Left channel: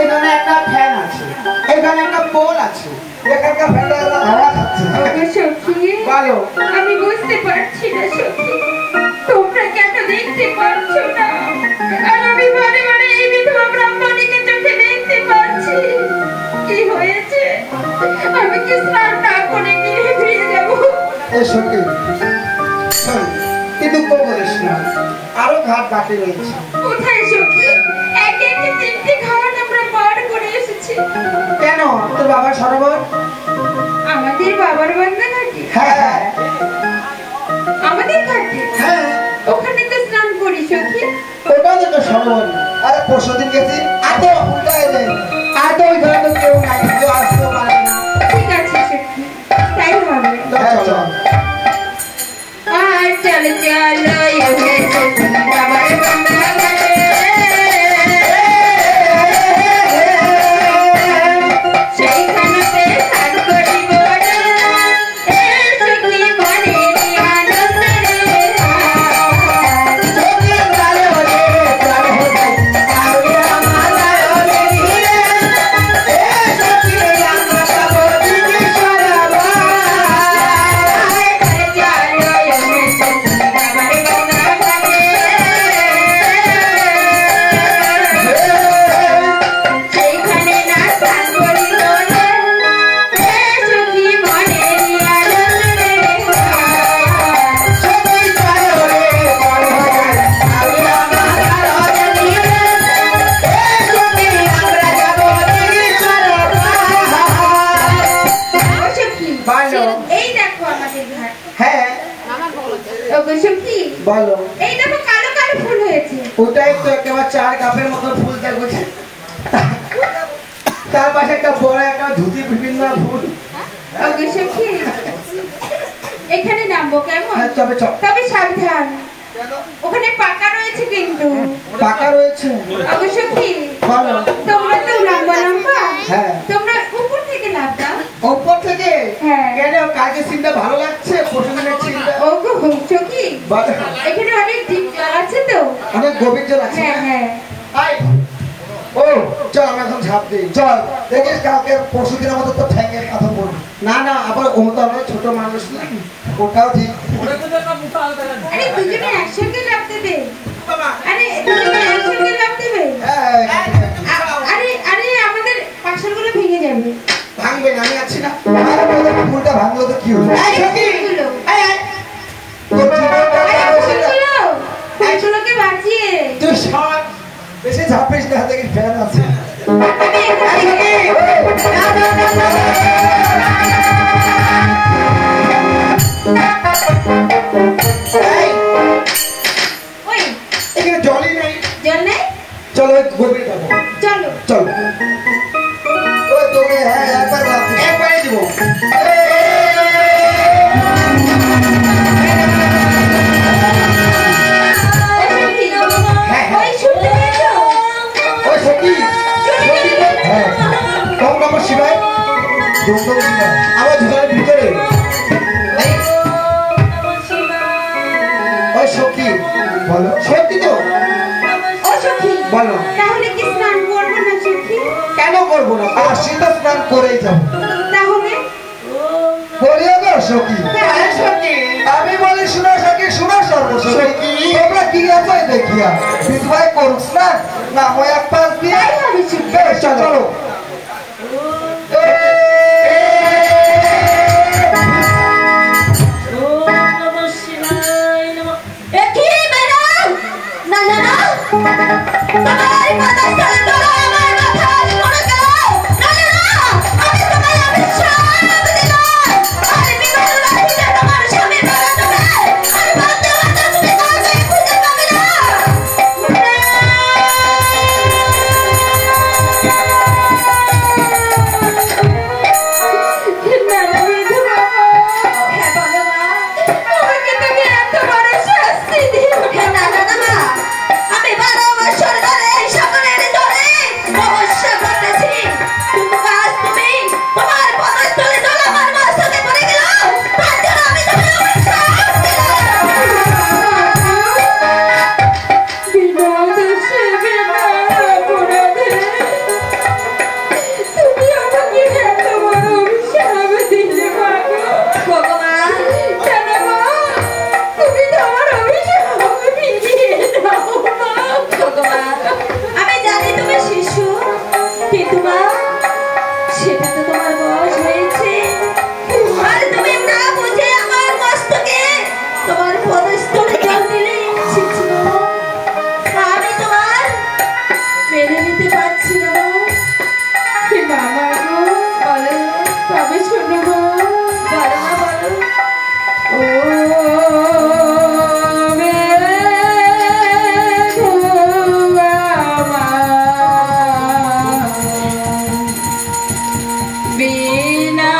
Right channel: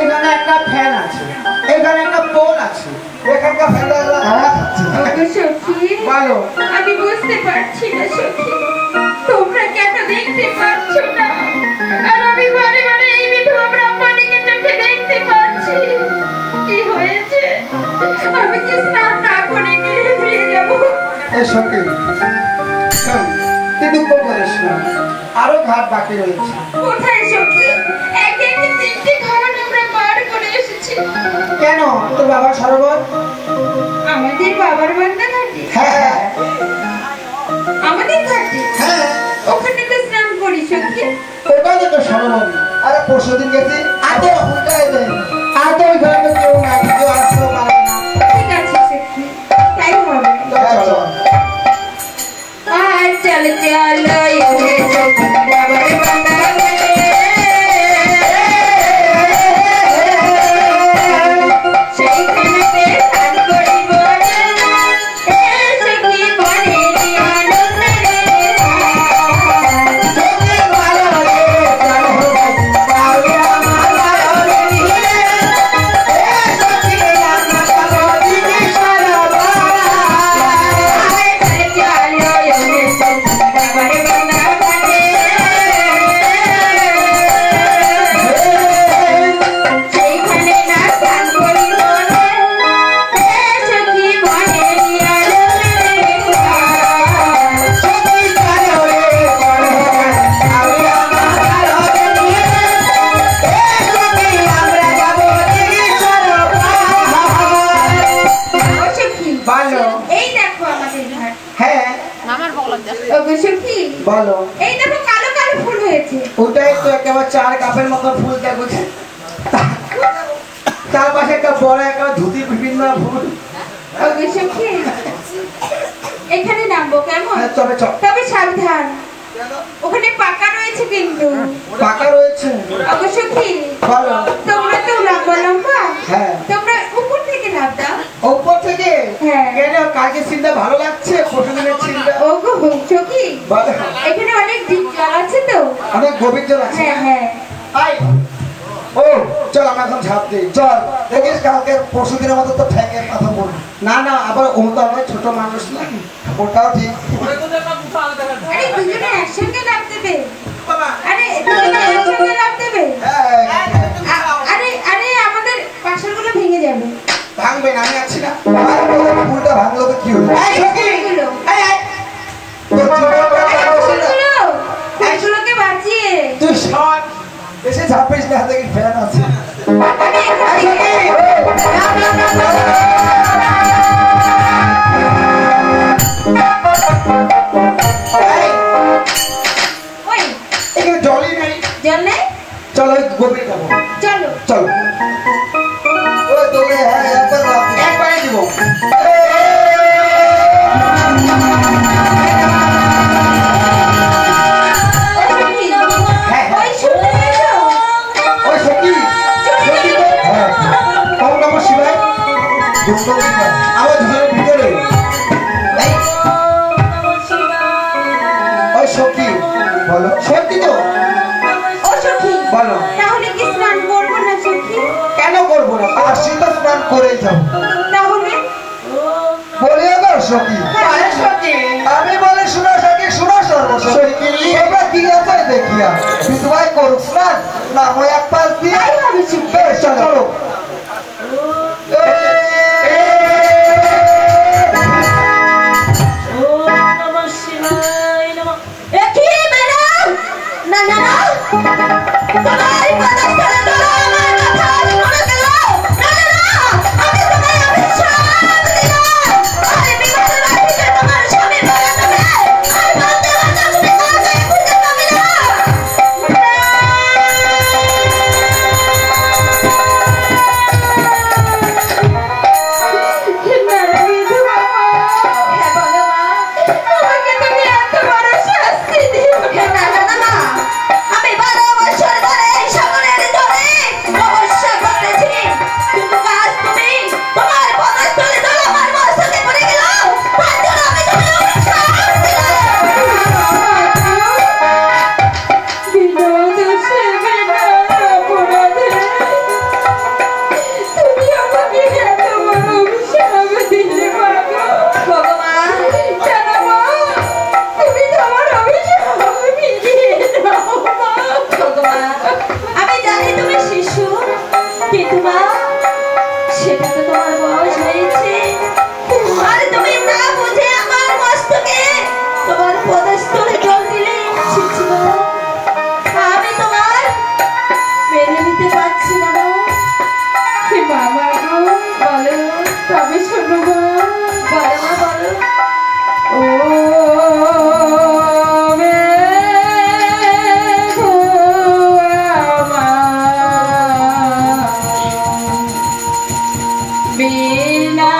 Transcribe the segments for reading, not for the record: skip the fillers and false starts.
এখানে একটা ফ্যান আছে, এখানে একটা পোল আছে, এখানকার ফ্যানটা হাওয়া খাচ্ছে। সখী বলো। আমি বুঝতে পারছি না সখী, তোমরা কেন দেখতে পাচ্ছ না, আর আমি বারে বারে এই বিধবা ব্রাহ্মণীকে চোখে দেখতে পাচ্ছি। কি হয়েছে? আমি কি স্নান না করে গিয়ে ফিরে যাবো? এই সখী শোন, তুই দুঃখ করিস না, আরো ঘাট বাকি রয়েছে। কোথায় সখী? একে একে 3টে ঘাট আমরা পার করে এসেছি। কেন, তোর বাবা সরোবর? আমাদের বাবার বান্দা ঘাটে? হ্যাঁ আমাদের ঘাটে? হ্যাঁ, ওখানে তো স্নান করি সখী। ওটাও তো সরোবর। আরে পরশুদিন গেছি, এত উল্টায় দেন, এত ওই ঘরে কেউ নাই, কেউ আসতে পারে না। ঠিক আছে সখী, তাই হবে। হ্যাঁ, চল। আর চল চলো এসে সখী বাবার বান্দা ঘাটে। সেইখানেতে স্নান করিব রে, এ সখী মনের আনন্দ রে। চোখে কালো রে, কালো হয়ে কাউরিয়া মাথায় হবে নীলে, এ সখী রান্না খাবো দিদি সরোবর। চলো এসে সখী বাবার বান্দা ঘাটে। সেইখানে না স্নান করিব রে, এ সখী মনের আনন্দ রে। চোখে কালো রে, কালো হয়ে কাউরিয়া মাথায় হবে নীলে, এ সখী আমরা যাবো দিদি সরোবর। ও সখী, বলো। এই দেখো আমাদের ঘাট। হ্যাঁ ও গো সখী, বলো। এই দেখো কালো কালো ফুল হয়েছে। ওটাই তো একেবারে 4 কাপের মতো ফুল দেখো, তার পাশে একটা বড় একটা ধুতি বিভিন্ন ফুল। ও গো সখী, এখানে নামবো কেমন? হ্যাঁ, তবে চল। তবে সাবধান, ওখানে পাকা রয়েছে কিন্তু। পাকা রয়েছে। ও গো সখী, বলো। তোমরা তো লম্বা লম্বা, হ্যাঁ। তোমরা উপর থেকে লাফ দাও। উপর থেকে? হ্যাঁ। কেন, কাজে চিন্তা ভালো লাগছে? প্রতিদিনের চিন্তা। ও গো সখী, বলো। এখানে অনেক ডিপ জল আছে তো। অনেক গভীর জল আছে। হ্যাঁ হ্যাঁ, আয়। ও চল, আমরা এখন ঝাঁপ দিই। চল, দেখিস কালকে পরশু দিনের মতো তো ঠ্যাঙে মাথা পড়বে না। না, আবার ওটা নয়, ছোট মানুষ না, ওটাও ঠিক। আরে দুজনে একসঙ্গে লাফ দেবে। আরে দুজনে একসঙ্গে লাফ দেবে। হ্যাঁ, আরে আরে আমাদের পাশাগুলো ভেঙে যাবে। ভাঙবে না, আমি আছি না। ফুলটা ভাঙলো তো কি হলো? এই সখী, ফুলগুলো, এই, এই। তোর জীবনটা আরে ভালো ছিল। ফুলগুলোকে বাঁচিয়ে। তুই সর, বেশি ঝাঁপিস না, দেখি ফ্যান আছে। আমি এখান এই থেকে সখী, না, না, না, না, না। এই, ওই এখানে জলই নেই। জল নেই, চলো, ওই গভীরে যাবো। চলো। চলো। ওই দৌড়ে, হ্যাঁ, একবারে দিব। হ্যাঁ, হ্যাঁ। ওই শুনতে পেয়েছো? ওই সখী, সখী তো, হ্যাঁ, ওম নমঃ শিবায়। আমার ঘরের ভিতরে। এই, ওই সখী, বলো। সত্যি তো? ও সখী, বলো। তাহলে কি স্নান করবো না সখী? কেন করবো না? আশীর্বাদ স্নান করেই যাবো। তাহলে বলিও গো সখী। হ্যাঁ সখী, আমি বলি শুনো সখী, শুনো সর্বসখী। তোমরা কি আছে দেখিয়া বিধবাই করুক স্নান, না হয় এক পাশ দিয়ে। তাই হবে সখী। বেশ, চলো। কি ম্যাডাম? না না না, তোমার কথা চলে তো আমার কথা মনে করো। না না না, আমি তোমায় অভিশাপ দিলাম। আরে বিবাহ রাখিতে তোমার স্বামী মারা যাবে। আর বাধ্য হতে তুমি কাজে খুঁজে পাবে না। কিন্তু মা সেটা তো তোমার বয়স হয়েছে আর তুমি না বুঝে আমার মস্তকে তোমার পদস্থলে জল দিলে আমি তোমার মেনে নিতে পারছি না মামা গো বলো তবে শোনো গো বলো না বলো ও বিনা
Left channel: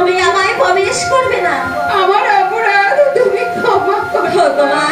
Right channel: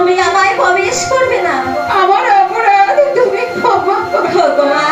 তুমি আমায় প্রবেশ করবে না আমার অপরাধ তুমি ক্ষমা করো মা